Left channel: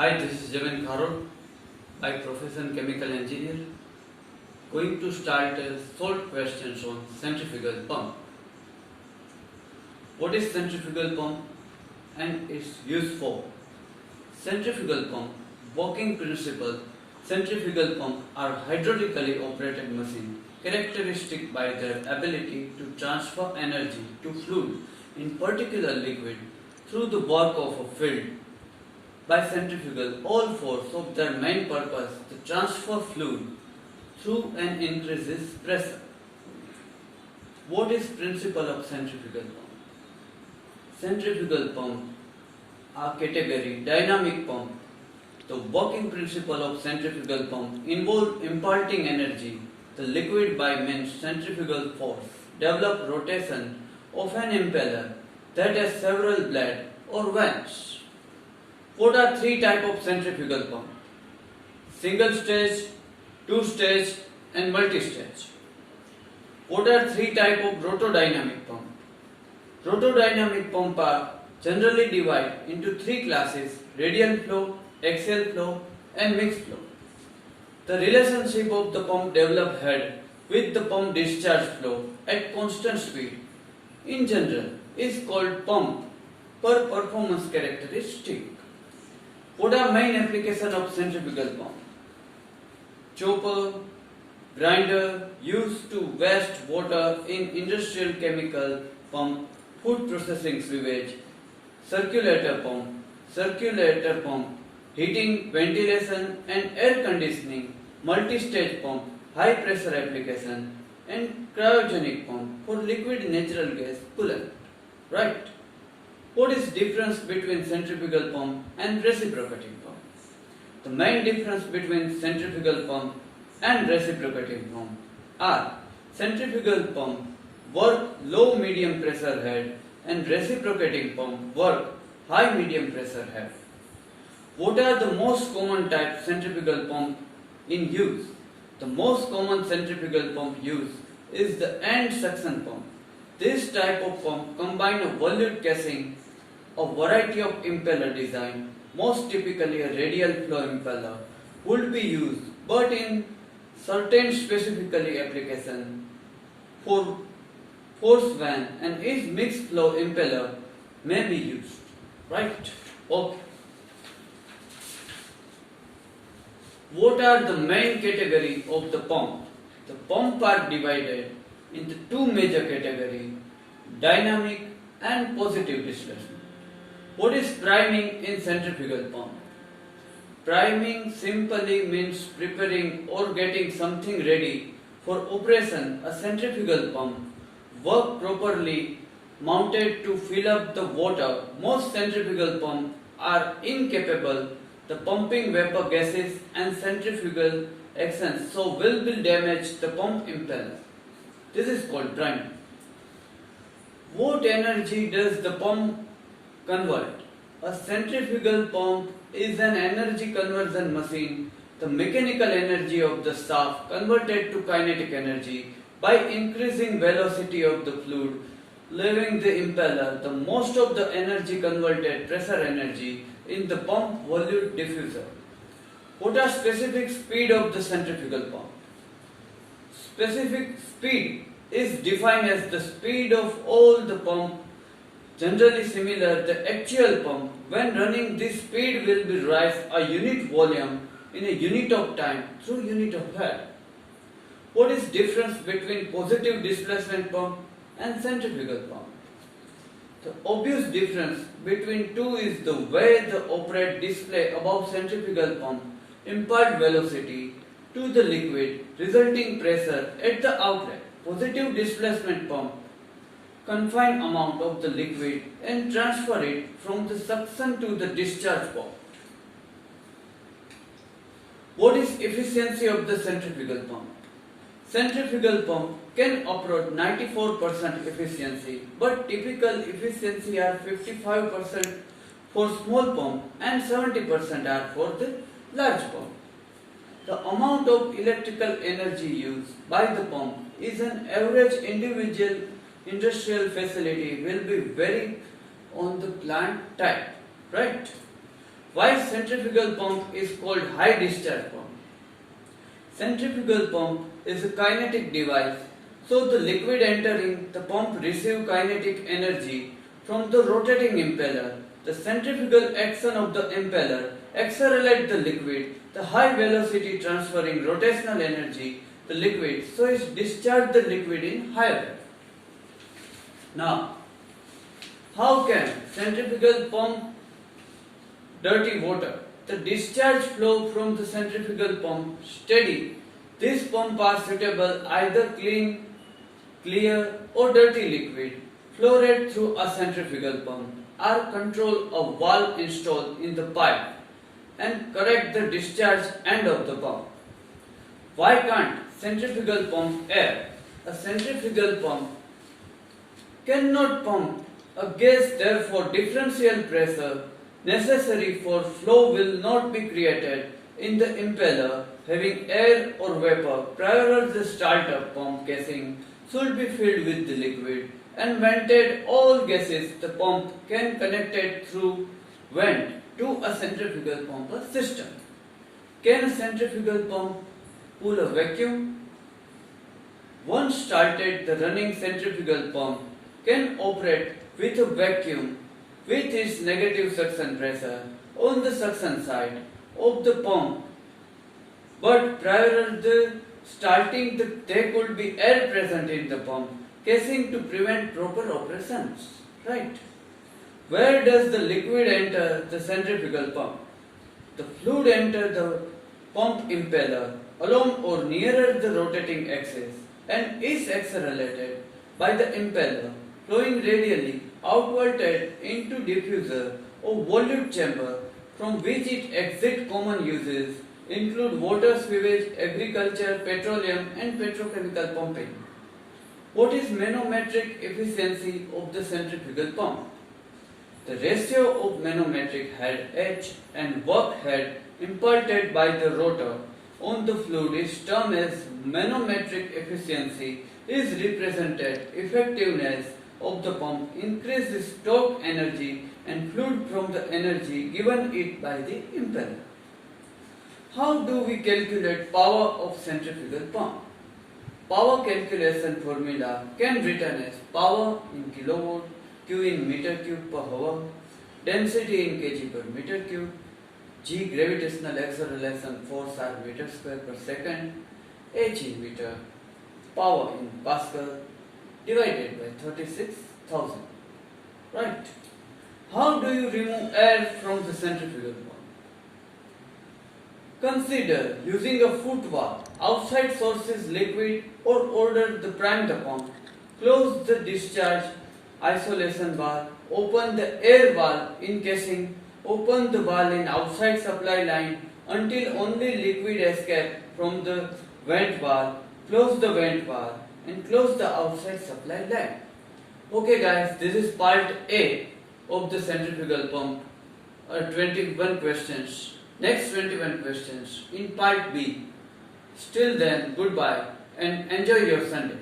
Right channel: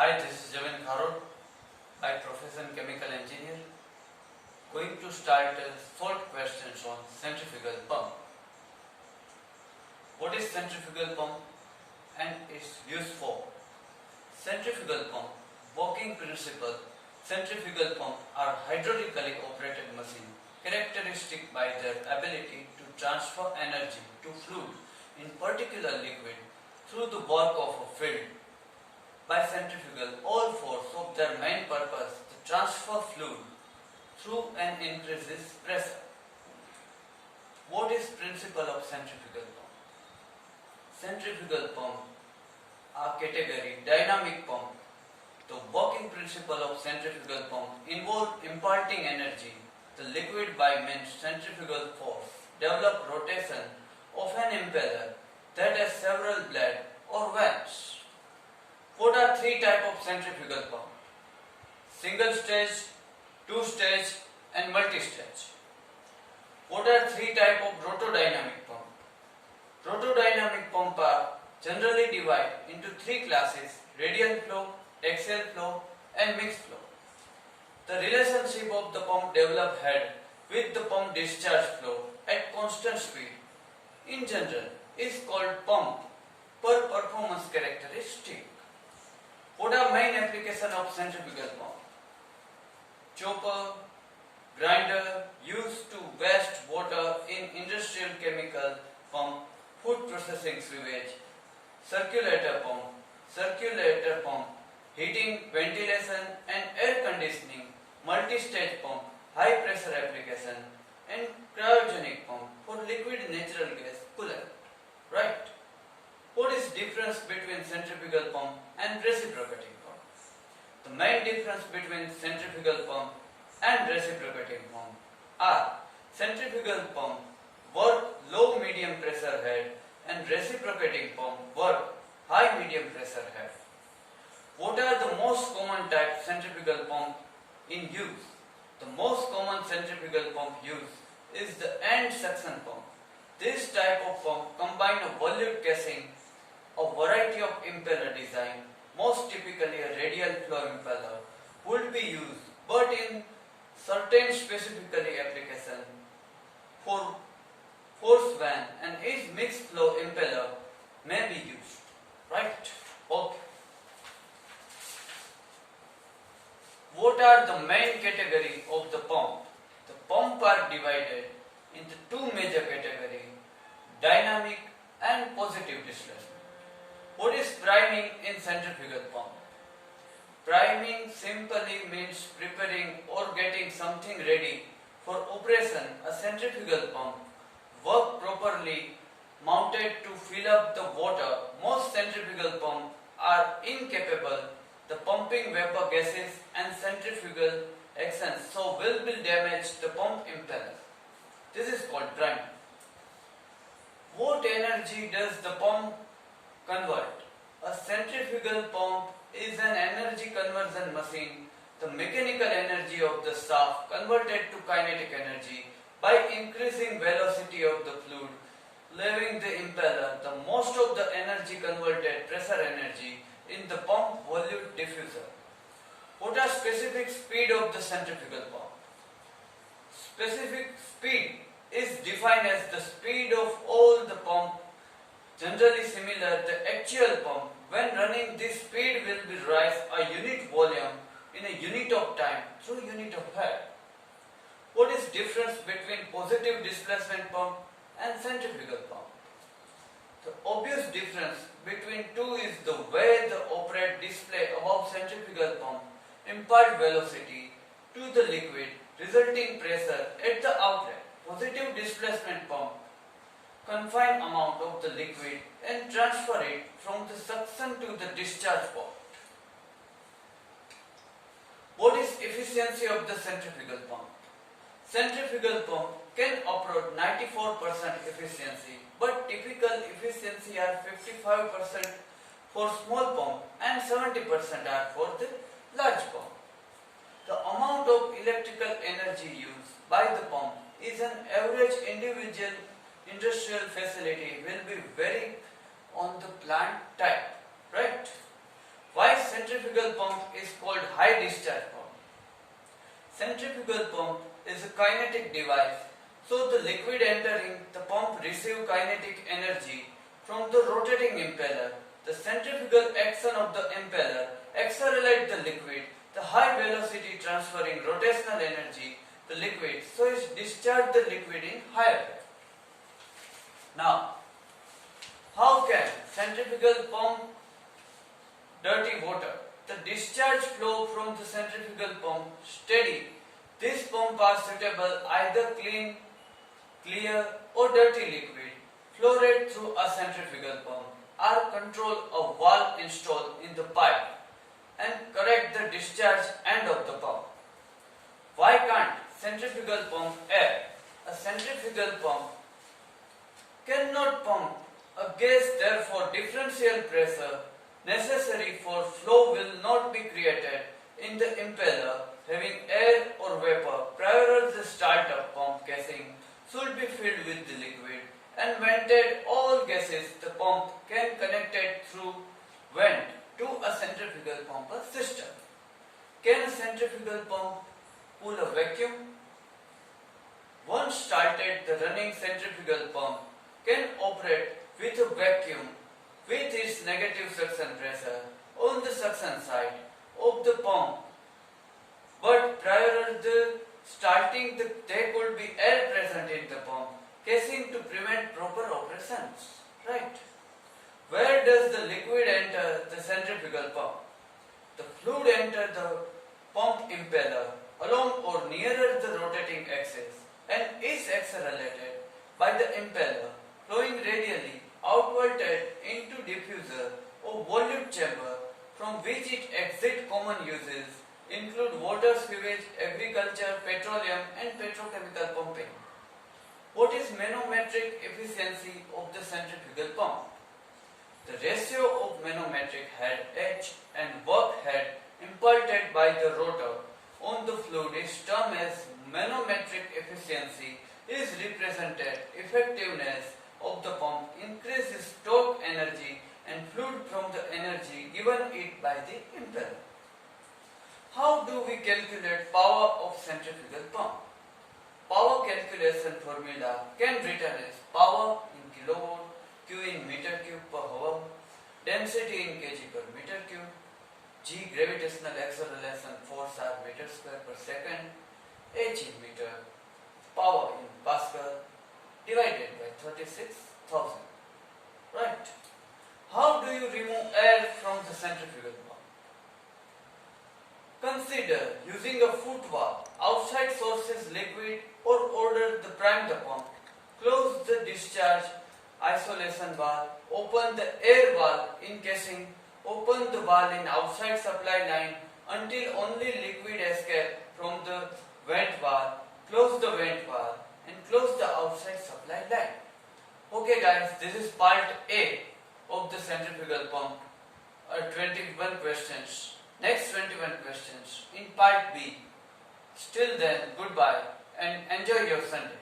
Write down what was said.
Hi, this is Javin Kharod, by profession chemical engineer, going to start short questions on centrifugal pump. What is centrifugal pump and its use for? Centrifugal pump, working principle. Centrifugal pump are hydraulically operated machines characteristic by their ability to transfer energy to fluid, in particular liquid, through the work of a field. By centrifugal, all force of their main purpose to transfer fluid through and increases pressure. What is principle of centrifugal pump? Centrifugal pump are category dynamic pump. The working principle of centrifugal pump involve imparting energy the liquid by means centrifugal force, develop rotation of an impeller that has several blades or vents. What are three types of centrifugal pump? Single stage, two stage and multi-stage. What are three types of rotodynamic pump? Rotodynamic pump are generally divided into three classes: radial flow, axial flow and mixed flow. The relationship of the pump developed head with the pump discharge flow at constant speed in general is called pump per performance characteristic. What are main applications of centrifugal pump? Chopper, grinder used to waste water in industrial chemical pump, food processing sewage, circulator pump, heating, ventilation and air conditioning, multi-stage pump, high pressure application and cryogenic pump for liquid natural gas coolant. Right? What is difference between centrifugal pump and reciprocating pump? The main difference between centrifugal pump and reciprocating pump are: centrifugal pump work low medium pressure head and reciprocating pump work high medium pressure head. What are the most common type centrifugal pump in use? The most common centrifugal pump used is the end suction pump. This type of pump combines a volute casing, a variety of impeller design, most typically a radial flow impeller, would be used, but in certain specifically application for force van and each mixed flow impeller may be used. Right? Okay. What are the main category of the pump? The pump are divided into two major categories: dynamic and positive displacement. What is priming in centrifugal pump? Priming simply means preparing or getting something ready for operation. A centrifugal pump work properly mounted to fill up the water. Most centrifugal pumps are incapable the pumping vapor gases and centrifugal action, so will damage the pump impeller. This is called priming. What energy does the pump convert? A centrifugal pump is an energy conversion machine. The mechanical energy of the shaft converted to kinetic energy by increasing velocity of the fluid leaving the impeller. The most of the energy converted pressure energy in the pump volute diffuser. What are specific speed of the centrifugal pump? Specific speed is defined as the speed of all the pump, generally similar the actual pump. When running, this speed will be rise a unit volume in a unit of time through unit of head. What is difference between positive displacement pump and centrifugal pump? The obvious difference between two is the way the operate display above centrifugal pump impart velocity to the liquid resulting pressure at the outlet. Positive displacement pump confine amount of the liquid and transfer it from the suction to the discharge port. What is efficiency of the centrifugal pump? Centrifugal pump can approach 94% efficiency, but typical efficiency are 55% for small pump and 70% are for the large pump. The amount of electrical energy used by the pump is an average individual industrial facility will be vary on the plant type, right? Why centrifugal pump is called high discharge pump? Centrifugal pump is a kinetic device, so the liquid entering the pump receives kinetic energy from the rotating impeller. The centrifugal action of the impeller accelerates the liquid, the high velocity transferring rotational energy the liquid, so it discharges the liquid in higher rate. Now, how can centrifugal pump dirty water? The discharge flow from the centrifugal pump steady. These pumps are suitable either clean, clear or dirty liquid flow rate through a centrifugal pump are control of valve installed in the pipe and correct the discharge end of the pump. Why can't centrifugal pump air? A centrifugal pump cannot pump a gas, therefore differential pressure necessary for flow will not be created in the impeller having air or vapor. Prior to the start of pump casing should be filled with the liquid and vented all gases. The pump can connected through vent to a centrifugal pump system. Can a centrifugal pump pull a vacuum? Once started, the running centrifugal pump can operate with a vacuum with its negative suction pressure on the suction side of the pump, but prior to starting there could be air present in the pump casing to prevent proper operations. Right? Where does the liquid enter the centrifugal pump? The fluid enters the pump impeller along or nearer the rotating axis and is accelerated by the impeller flowing radially outwarded into diffuser or volute chamber from which it exits. Common uses include water, sewage, agriculture, petroleum and petrochemical pumping. What is manometric efficiency of the centrifugal pump? The ratio of manometric head H and work head imparted by the rotor on the fluid is termed as manometric efficiency. Is represented effectiveness of the pump increases torque energy and fluid from the energy given it by the impeller. How do we calculate power of centrifugal pump? Power calculation formula can be written as power in kilowatt, Q in meter cube per hour, density in kg per meter cube, G gravitational acceleration force are meter square per second, H in meter, power in Pascal divided by 36,000. Right? How do you remove air from the centrifugal pump? Consider using a foot valve. Outside source is liquid or order the prime the pump. Close the discharge isolation valve. Open the air valve in casing. Open the valve in outside supply line until only liquid escape from the vent valve. Close the vent valve and close the outside supply line. Okay guys, this is part A of the centrifugal pump. 21 questions. Next 21 questions in part B. Till then, goodbye and enjoy your Sunday.